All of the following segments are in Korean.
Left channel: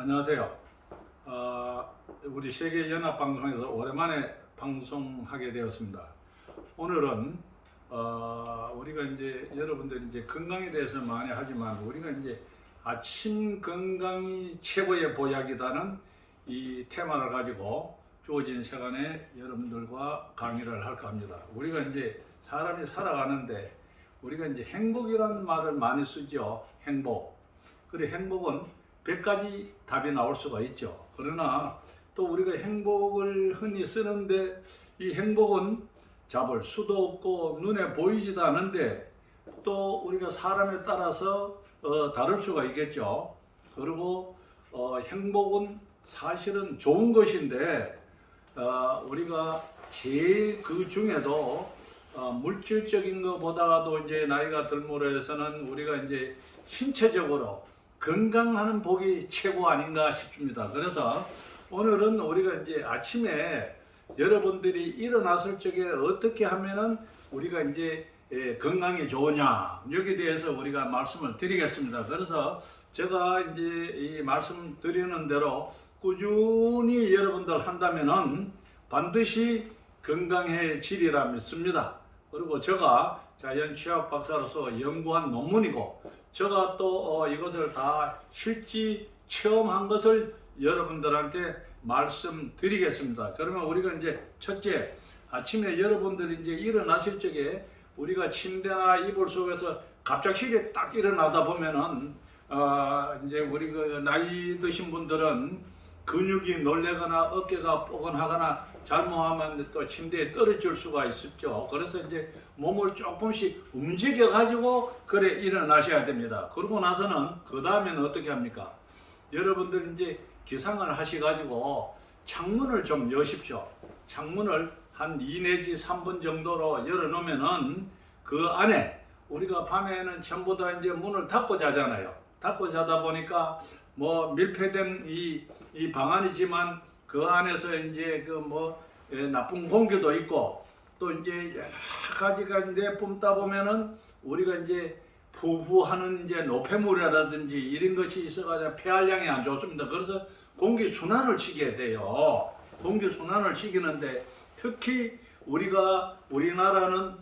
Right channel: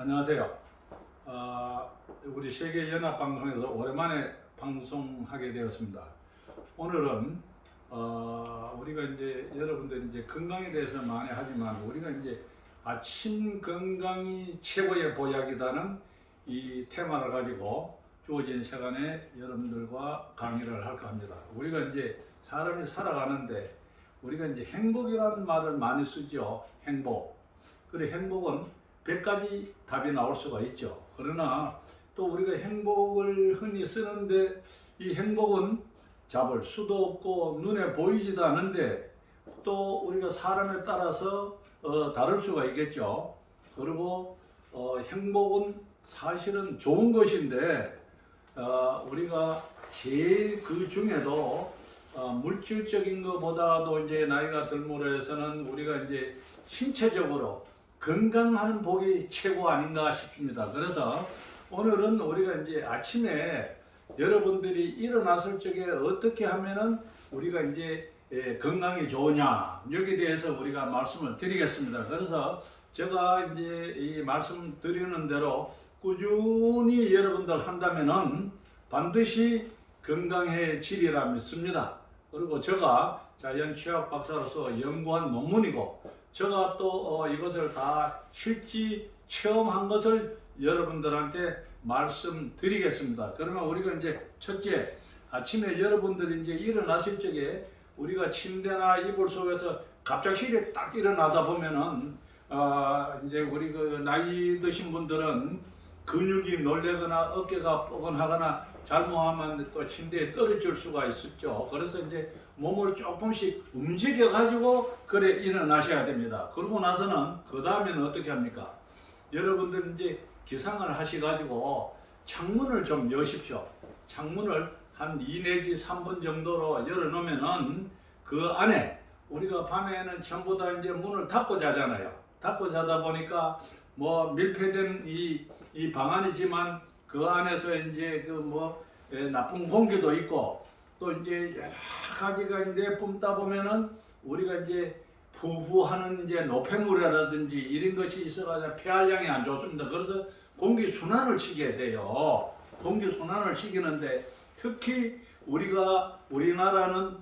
안녕하세요. 우리 세계연합방송에서 오랜만에 방송하게 되었습니다. 오늘은 우리가 이제 여러분들이 이제 건강에 대해서 많이 하지만 우리가 이제 아침 건강이 최고의 보약이라는 이 테마를 가지고 주어진 시간에 여러분들과 강의를 할까 합니다. 우리가 이제 사람이 살아가는데 우리가 이제 행복이라는 말을 많이 쓰죠. 행복. 그래 행복은 100가지 답이 나올 수가 있죠. 그러나 또 우리가 행복을 흔히 쓰는데 이 행복은 잡을 수도 없고 눈에 보이지도 않는데 또 우리가 사람에 따라서 다를 수가 있겠죠. 그리고 행복은 사실은 좋은 것인데 우리가 제일 그 중에도 물질적인 것보다도 이제 나이가 들므로 해서는 우리가 이제 신체적으로 건강하는 복이 최고 아닌가 싶습니다. 그래서 오늘은 우리가 이제 아침에 여러분들이 일어났을 적에 어떻게 하면은 우리가 이제 건강이 좋으냐 여기에 대해서 우리가 말씀을 드리겠습니다. 그래서 제가 이제 이 말씀 드리는 대로 꾸준히 여러분들 한다면은 반드시 건강해지리라 믿습니다. 그리고 제가 자연취학 박사로서 연구한 논문이고 제가 또 이것을 다 실지 체험한 것을 여러분들한테 말씀드리겠습니다. 그러면 우리가 이제 첫째, 아침에 여러분들이 이제 일어나실 적에 우리가 침대나 이불 속에서 갑작스레 딱 일어나다 보면은 이제 우리 그 나이 드신 분들은 근육이 놀래거나 어깨가 뻐근하거나 잘못하면 또 침대에 떨어질 수가 있었죠. 그래서 이제 몸을 조금씩 움직여 가지고 그래 일어나셔야 됩니다. 그러고 나서는 그 다음에는 어떻게 합니까? 여러분들 이제 기상을 하셔 가지고 창문을 좀 여십시오. 창문을 한 2 내지 3분 정도로 열어 놓으면은 그 안에 우리가 밤에는 전부 다 이제 문을 닫고 자잖아요. 닫고 자다 보니까 뭐 밀폐된 이 방안이지만 그 안에서 이제 그 뭐 나쁜 공기도 있고 또 이제 여러 가지가 이제 뿜다 보면은 우리가 이제 부부하는 이제 노폐물이라든지 이런 것이 있어가지고 폐활량이 안 좋습니다. 그래서 공기 순환을 시켜야 돼요. 공기 순환을 시키는데 특히 우리나라는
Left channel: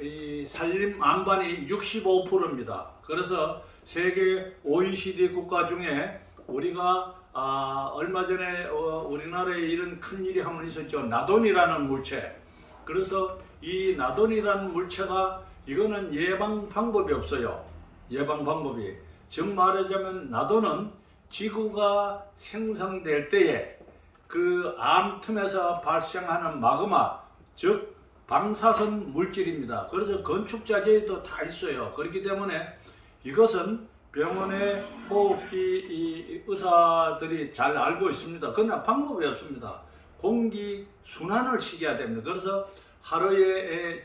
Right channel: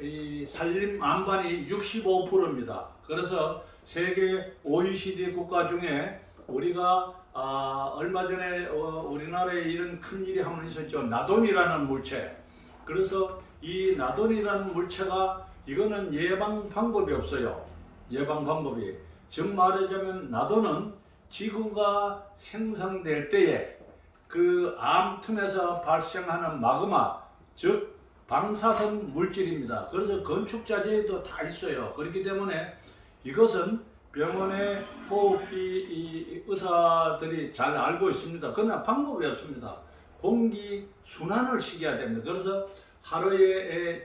이 산림 안반이 65%입니다. 그래서 세계 OECD 국가 중에 우리가 얼마 전에 우리나라에 이런 큰 일이 한번 있었죠. 나돈이라는 물체. 그래서 이 나돈이라는 물체가 이거는 예방 방법이 없어요. 예방 방법이. 즉 말하자면 나돈은 지구가 생성될 때에 그 암 틈에서 발생하는 마그마, 즉 방사선 물질입니다. 그래서 건축자재에도 다 있어요. 그렇기 때문에 이것은 병원의 호흡기 의사들이 잘 알고 있습니다. 그러나 방법이 없습니다. 공기 순환을 시켜야 됩니다. 그래서 하루에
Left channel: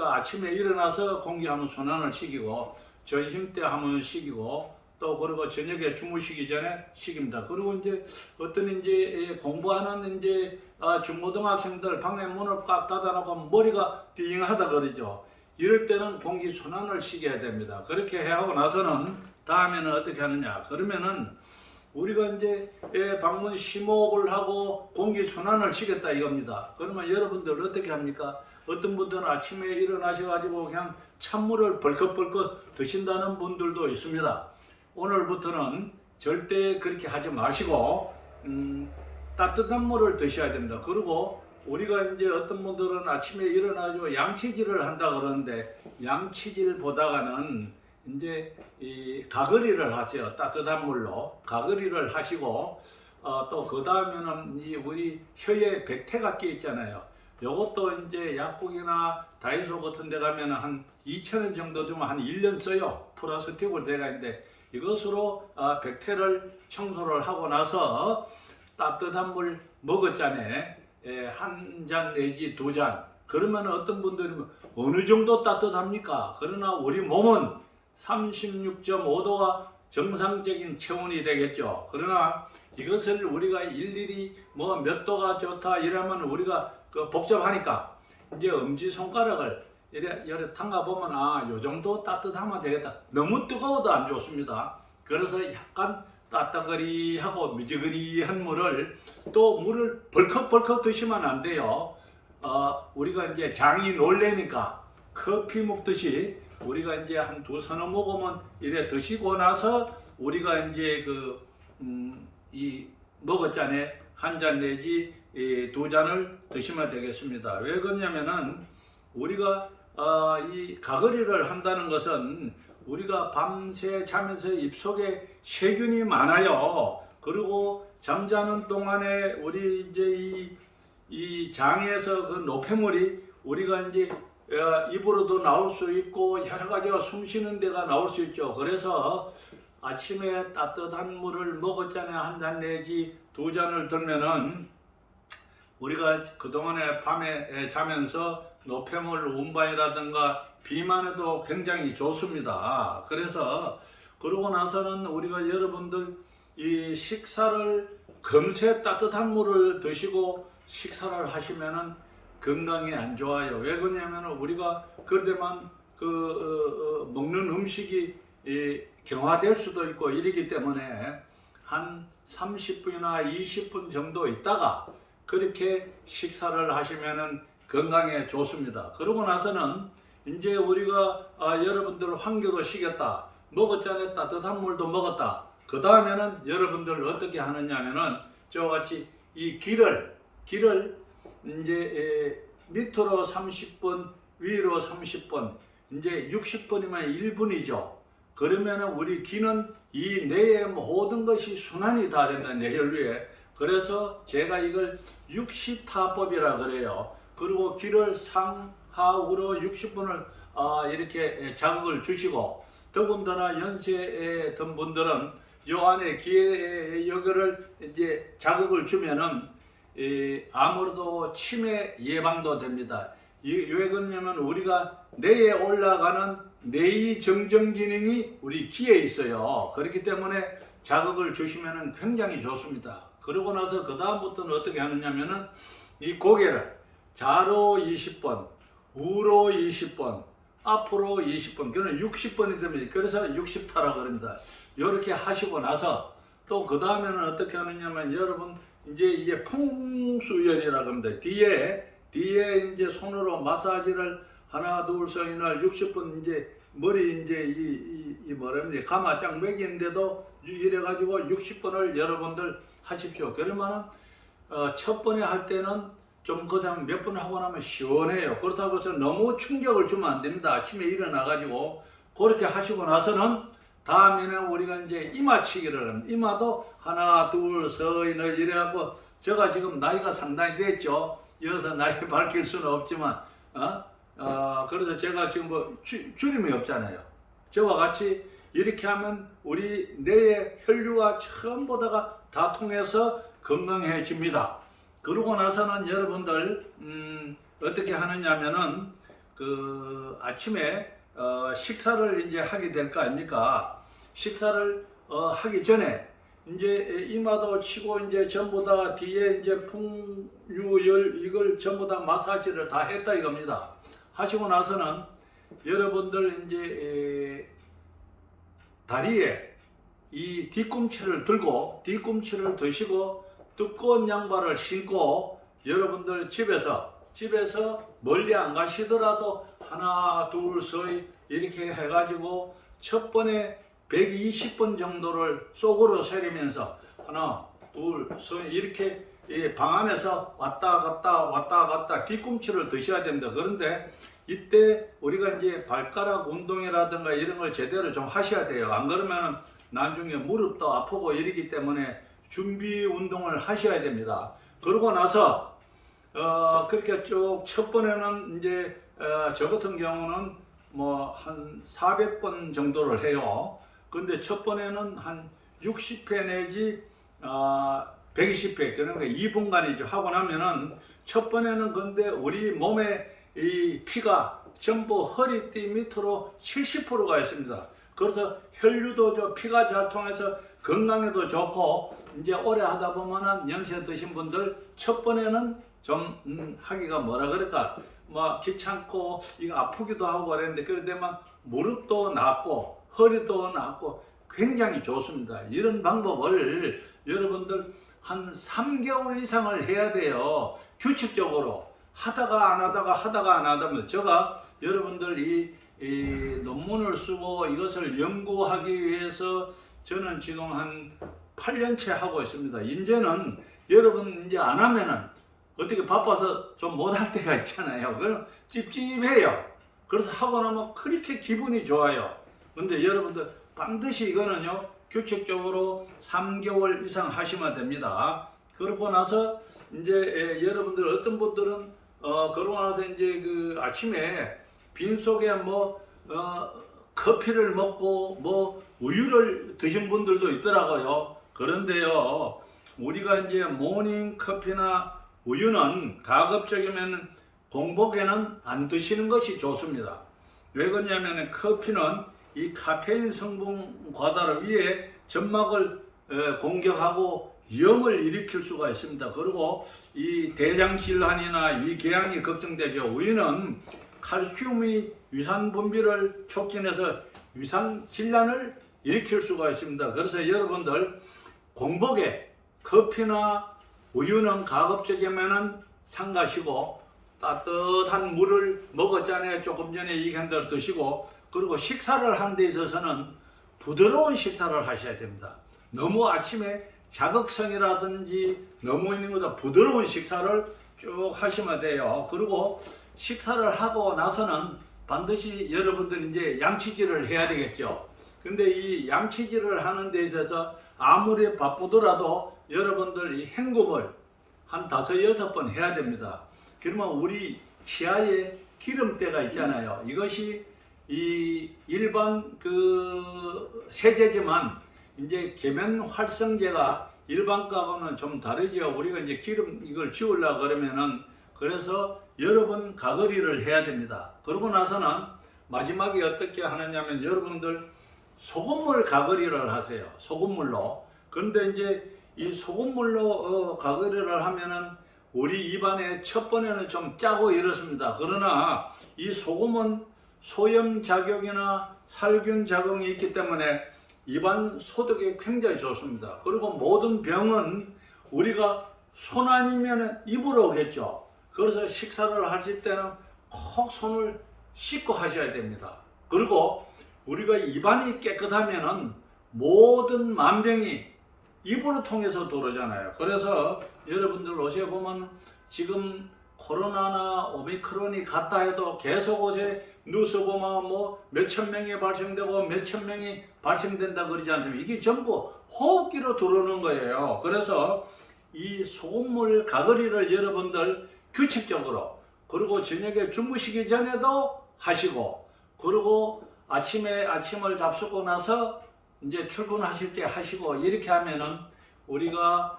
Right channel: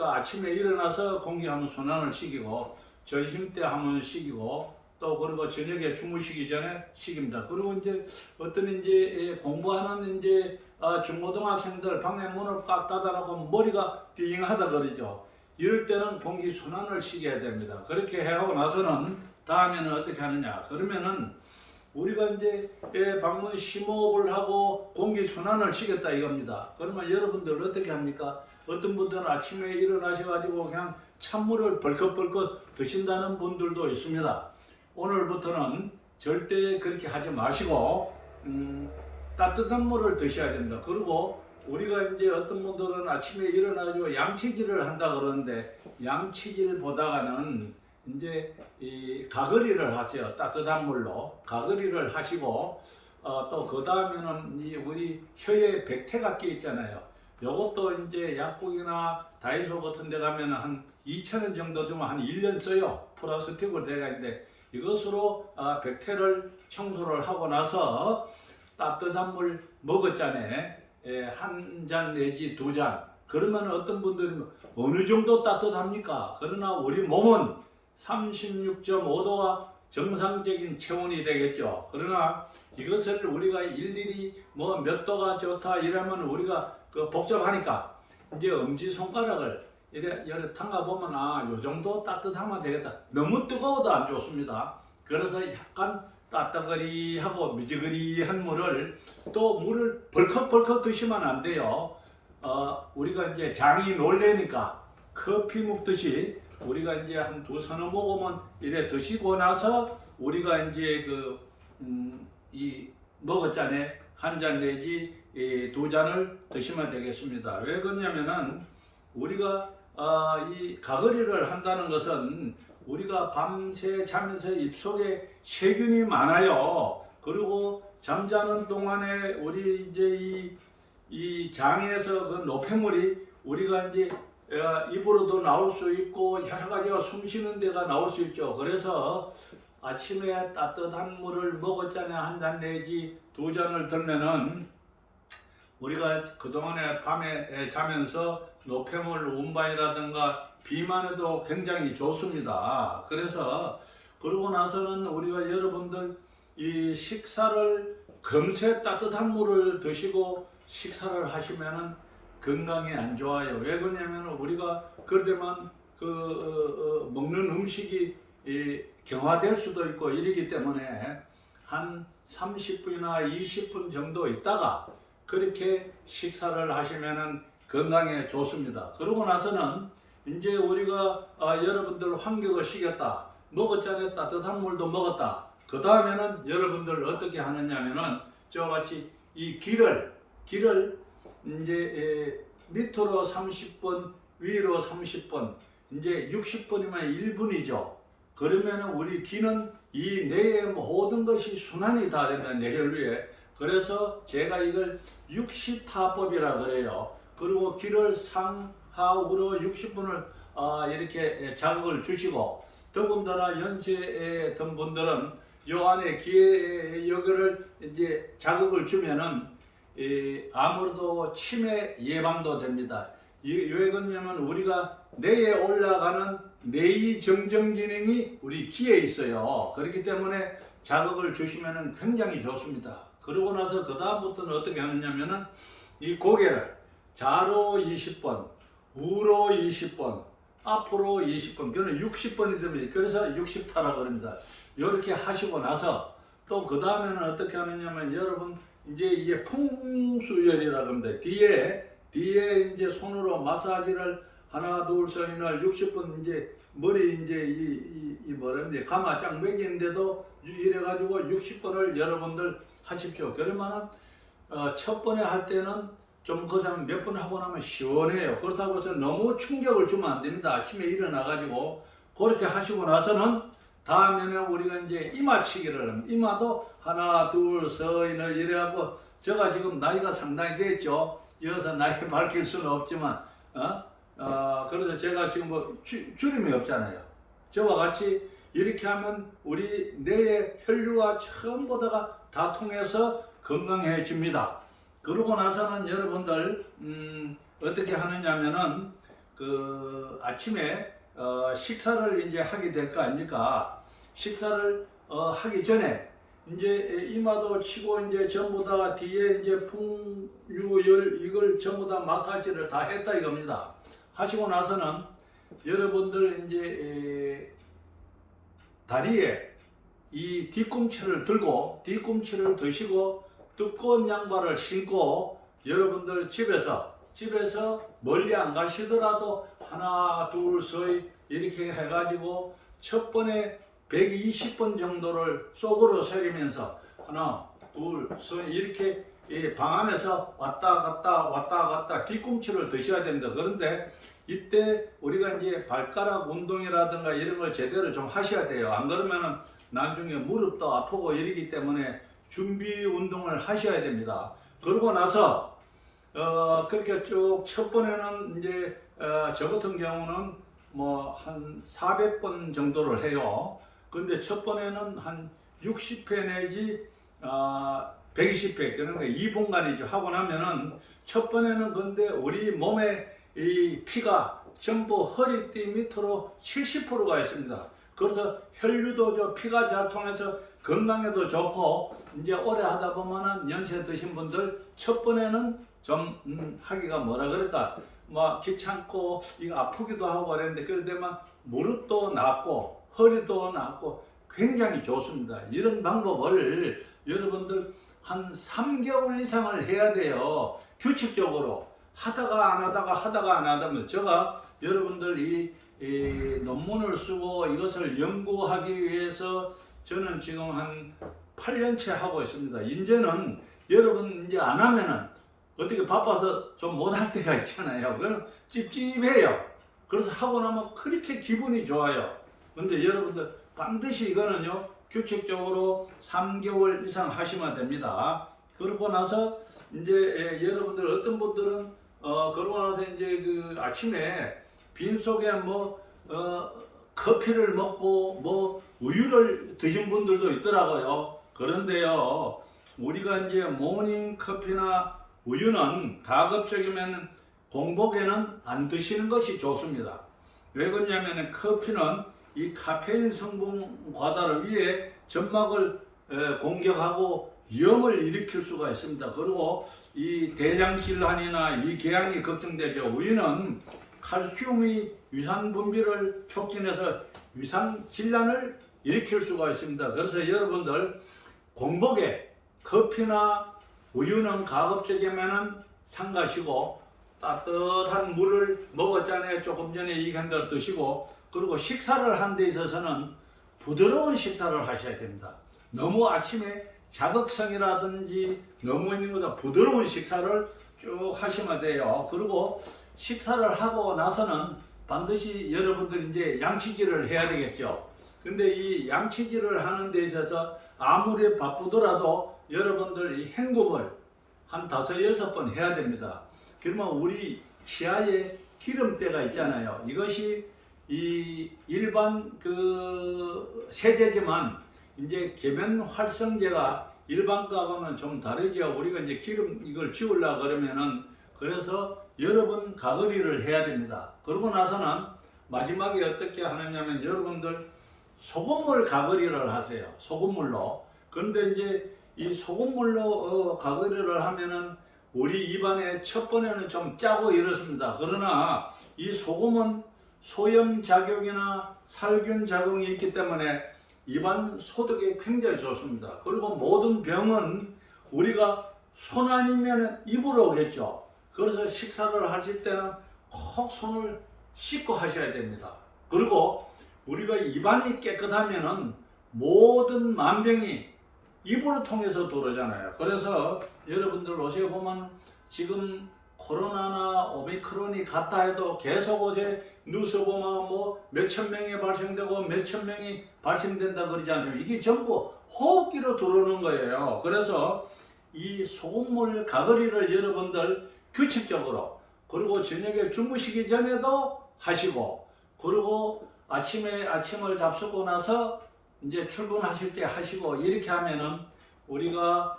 아침에 일어나서 공기 한번 순환을 시키고 점심 때 한번 시키고 또 그리고 저녁에 주무시기 전에 시킵니다. 그리고 이제 어떤 이제 공부하는 이제 중고등학생들 방에 문을 꽉 닫아놓고 머리가 띵하다 그러죠. 이럴 때는 공기 순환을 시켜야 됩니다. 그렇게 하고 나서는 다음에는 어떻게 하느냐? 그러면은 우리가 이제 방문 심호흡을 하고 공기 순환을 시켰다 이겁니다. 그러면 여러분들 어떻게 합니까? 어떤 분들은 아침에 일어나셔가지고 그냥 찬물을 벌컥벌컥 드신다는 분들도 있습니다. 오늘부터는 절대 그렇게 하지 마시고 따뜻한 물을 드셔야 됩니다. 그리고 우리가 이제 어떤 분들은 아침에 일어나서 양치질을 한다 그러는데 양치질보다는 이제 이 가글이를 하세요. 따뜻한 물로 가글이를 하시고 또 그 다음에는 이제 우리 혀에 백태가 끼 있잖아요. 요것도 이제 약국이나 다이소 같은 데 가면 한 2,000원 정도 주면 한 1년 써요. 플라스틱으로 되어 있는데 이것으로 백태를 청소를 하고 나서 따뜻한 물 먹었잖아요. 한 잔 내지 2잔. 그러면 어떤 분들은 어느 정도 따뜻합니까? 그러나 우리 몸은 36.5도가 정상적인 체온이 되겠죠. 그러나 이것을 우리가 일일이 뭐 몇 도가 좋다 이러면 우리가 복잡하니까 이제 엄지손가락을 이래 담가 보면 요 정도 따뜻하면 되겠다. 너무 뜨거워도 안 좋습니다. 그래서 약간 따뜻거리하고 미지근한 물을 또 물을 벌컥벌컥 드시면 안 돼요. 우리가 이제 장이 놀래니까 커피 먹듯이 우리가 이제 한 두서너 모금은 이래 드시고 나서 우리가 이제 이 먹었잖아요. 한 잔 내지 두 잔을 드시면 되겠습니다. 왜 그러냐면은 우리가 이 가거리를 한다는 것은 우리가 밤새 자면서 입속에 세균이 많아요. 그리고 잠자는 동안에 우리 이제 이 장에서 그 노폐물이 우리가 이제 입으로도 나올 수 있고 여러 가지가 숨 쉬는 데가 나올 수 있죠. 그래서 아침에 따뜻한 물을 먹었잖아요. 한 잔 내지 두 잔을 들면은 우리가 그동안에 밤에 자면서 노폐물 운반이라든가 비만에도 굉장히 좋습니다. 그래서 그러고 나서는 우리가 여러분들 이 식사를 금세 따뜻한 물을 드시고 식사를 하시면은 건강에 안 좋아요. 왜 그러냐면 우리가 그러다만 먹는 음식이 경화될 수도 있고 이러기 때문에 한 30분이나 20분 정도 있다가 그렇게 식사를 하시면은 건강에 좋습니다. 그러고 나서는 이제 우리가 여러분들 환기도 시켰다. 먹었잖아요. 따뜻한 물도 먹었다. 그 다음에는 여러분들 어떻게 하느냐면은 저같이 이 길을 이제 밑으로 30분, 위로 30분, 이제 60분이면 1분이죠. 그러면은 우리 귀는 이 뇌의 모든 것이 순환이 다 된다, 뇌혈류에. 그래서 제가 이걸 60타법이라 그래요. 그리고 귀를 상하우로 60분을 이렇게 자극을 주시고, 더군다나 연세에 든 분들은 요 안에 귀에 여기를 이제 자극을 주면은 아무래도 치매 예방도 됩니다. 왜 그러냐면 우리가 뇌에 올라가는 뇌의 정정 기능이 우리 귀에 있어요. 그렇기 때문에 자극을 주시면 굉장히 좋습니다. 그러고 나서 그 다음부터는 어떻게 하느냐면은 이 고개를 좌로 20번, 우로 20번, 앞으로 20번, 그러면 60번이 됩니다. 그래서 60타라고 합니다. 이렇게 하시고 나서 또 그 다음에는 어떻게 하느냐면 여러분 이제 이게 풍수열이라고 합니다. 뒤에 이제 손으로 마사지를 하나 둘 셋이나 60분 이제 머리 이제 이 뭐랍니까 가마 쫙 매기는데도 이래 가지고 60분을 여러분들 하십시오. 그러면은 첫 번에 할 때는 좀 그 사람 몇 번 하고 나면 시원해요. 그렇다고 해서 너무 충격을 주면 안 됩니다. 아침에 일어나 가지고 그렇게 하시고 나서는 다음에는 우리가 이제 이마치기를 합니다. 이마도 하나 둘 셋이나 이래갖고 제가 지금 나이가 상당히 됐죠. 이어서 나이 밝힐 수는 없지만 그래서 제가 지금 뭐 주름이 없잖아요. 저와 같이 이렇게 하면 우리 뇌의 혈류가 전부 다 통해서 건강해집니다. 그러고 나서는 여러분들 어떻게 하느냐면은 그 아침에 식사를 이제 하게 될 거 아닙니까? 식사를 하기 전에 이제 이마도 치고 이제 전부 다 뒤에 이제 풍유열 이걸 전부 다 마사지를 다 했다 이겁니다. 하시고 나서는 여러분들 이제 다리에 이 뒤꿈치를 들고 뒤꿈치를 드시고 두꺼운 양말을 신고 여러분들 집에서 멀리 안 가시더라도 하나 둘 셋 이렇게 해가지고 첫 번에 120번 정도를 속으로 새기면서 하나 둘 셋 이렇게 방 안에서 왔다 갔다 뒤꿈치를 드셔야 됩니다. 그런데 이때 우리가 이제 발가락 운동이라든가 이런 걸 제대로 좀 하셔야 돼요. 안 그러면 나중에 무릎도 아프고 이러기 때문에 준비 운동을 하셔야 됩니다. 그러고 나서 그렇게 쭉 첫 번에는 이제 저 같은 경우는 뭐 한 400번 정도를 해요. 근데 첫 번에는 한 60회 내지 120회 그러니까 2분간이죠. 하고 나면은 첫 번에는 근데 우리 몸에 이 피가 전부 허리띠 밑으로 70%가 있습니다. 그래서 혈류도 피가 잘 통해서 건강에도 좋고 이제 오래 하다 보면은 연세 드신 분들 첫 번에는 좀 하기가 뭐라 그럴까 막 귀찮고 이거 아프기도 하고 그랬는데 그러다만 무릎도 낫고 허리도 낫고 굉장히 좋습니다. 이런 방법을 여러분들 한 3개월 이상을 해야 돼요. 규칙적으로 하다가 안 하다면 제가 여러분들 이 논문을 쓰고 이것을 연구하기 위해서 저는 지금 한 8년째 하고 있습니다. 이제는 여러분 이제 안 하면은 어떻게 바빠서 좀 못할 때가 있잖아요. 그럼 찝찝해요. 그래서 하고 나면 그렇게 기분이 좋아요. 근데 여러분들 반드시 이거는요, 규칙적으로 3개월 이상 하시면 됩니다. 그러고 나서 이제 여러분들 어떤 분들은 그러고 나서 이제 그 아침에 빈속에 커피를 먹고 우유를 드신 분들도 있더라고요. 그런데요, 우리가 이제 모닝 커피나 우유는 가급적이면 공복에는 안 드시는 것이 좋습니다. 왜 그러냐면 커피는 이 카페인 성분 과다를 위해 점막을 공격하고 염을 일으킬 수가 있습니다. 그리고 이 대장 질환이나 위궤양이 걱정되죠. 우유는 칼슘이 위산 분비를 촉진해서 위산 질환을 일으킬 수가 있습니다. 그래서 여러분들 공복에 커피나 우유는 가급적이면은 삼가시고 따뜻한 물을 먹었잖아요. 조금 전에 얘기한 대로 드시고, 그리고 식사를 한 데 있어서는 부드러운 식사를 하셔야 됩니다. 너무 아침에 자극성이라든지 너무 있는 것보다 부드러운 식사를 쭉 하시면 돼요. 그리고 식사를 하고 나서는 반드시 여러분들 이제 양치질을 해야 되겠죠. 근데 이 양치질을 하는 데 있어서 아무리 바쁘더라도 여러분들 이 헹굼을 한 5-6번 해야 됩니다. 그러면 우리 치아에 기름때가 있잖아요. 이것이 이 일반 그 세제지만 이제 계면 활성제가 일반 거하고는 좀 다르죠. 우리가 이제 기름 이걸 지우려고 그러면은 그래서 여러 번 가거리를 해야 됩니다. 그러고 나서는 마지막에 어떻게 하느냐면 여러분들 소금물 가거리를 하세요. 소금물로. 그런데 이제 이 소금물로 가거리를 하면은 우리 입안에 첫 번에는 좀 짜고 이렇습니다. 그러나 이 소금은 소염 작용이나 살균 작용이 있기 때문에 입안 소독에 굉장히 좋습니다. 그리고 모든 병은 우리가 손 아니면 입으로 오겠죠. 그래서 식사를 하실 때는 꼭 손을 씻고 하셔야 됩니다. 그리고 우리가 입안이 깨끗하면은 모든 만병이 입으로 통해서 들어오잖아요. 그래서 여러분들 옷에 보면 지금 코로나나 오미크론이 갔다 해도 계속 어제 뉴스 보면 몇천 명이 발생되고 몇천 명이 발생된다 그러지 않습니까? 이게 전부 호흡기로 들어오는 거예요. 그래서 이 소금물 가거리를 여러분들 규칙적으로, 그리고 저녁에 주무시기 전에도 하시고, 그리고 아침을 잡수고 나서 이제 출근하실 때 하시고, 이렇게 하면은 우리가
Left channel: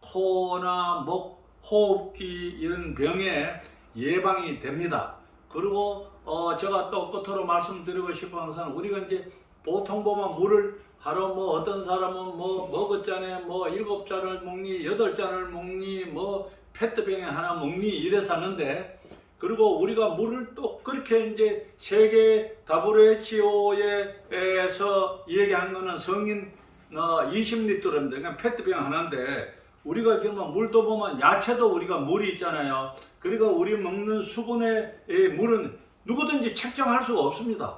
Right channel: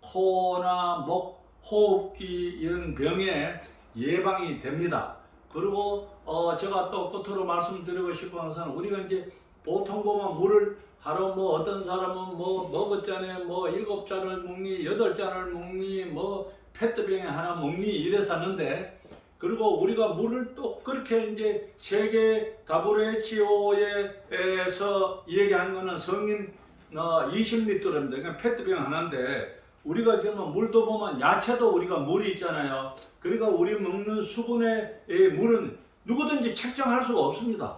코나 목, 호흡기 이런 병에 예방이 됩니다. 그리고 제가 또 끝으로 말씀드리고 싶은 것은 우리가 이제 보통 보면 물을 하루 어떤 사람은 먹었잖아요. 7잔을 먹니, 8잔을 먹니, 페트병에 하나 먹니 이래서 하는데, 그리고 우리가 물을 또 그렇게 이제 세계 WHO에서 얘기한 거는 성인 20리터입니다. 그러니까 페트병 하나인데, 우리가 그러면 물도 보면 야채도 우리가 물이 있잖아요. 그러니까 우리 먹는 수분의 물은 누구든지 책정할 수가 없습니다.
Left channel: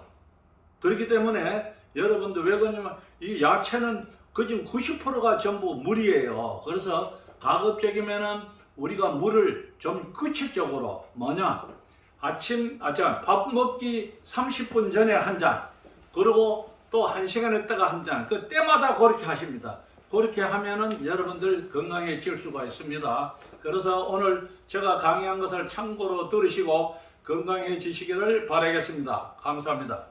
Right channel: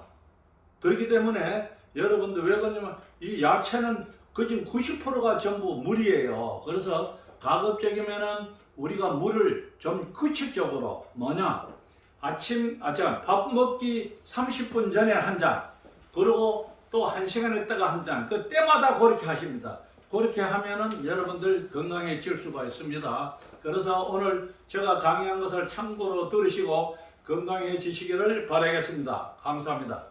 그렇기 때문에 여러분들 왜 그러냐면 이 야채는 거진 90%가 전부 물이에요. 그래서 가급적이면은 우리가 물을 좀 규칙적으로 밥 먹기 30분 전에 한 잔, 그리고 또 1시간 있다가 한 잔, 그 때마다 그렇게 하십니다. 그렇게 하면은 여러분들 건강해질 수가 있습니다. 그래서 오늘 제가 강의한 것을 참고로 들으시고 건강해지시기를 바라겠습니다. 감사합니다.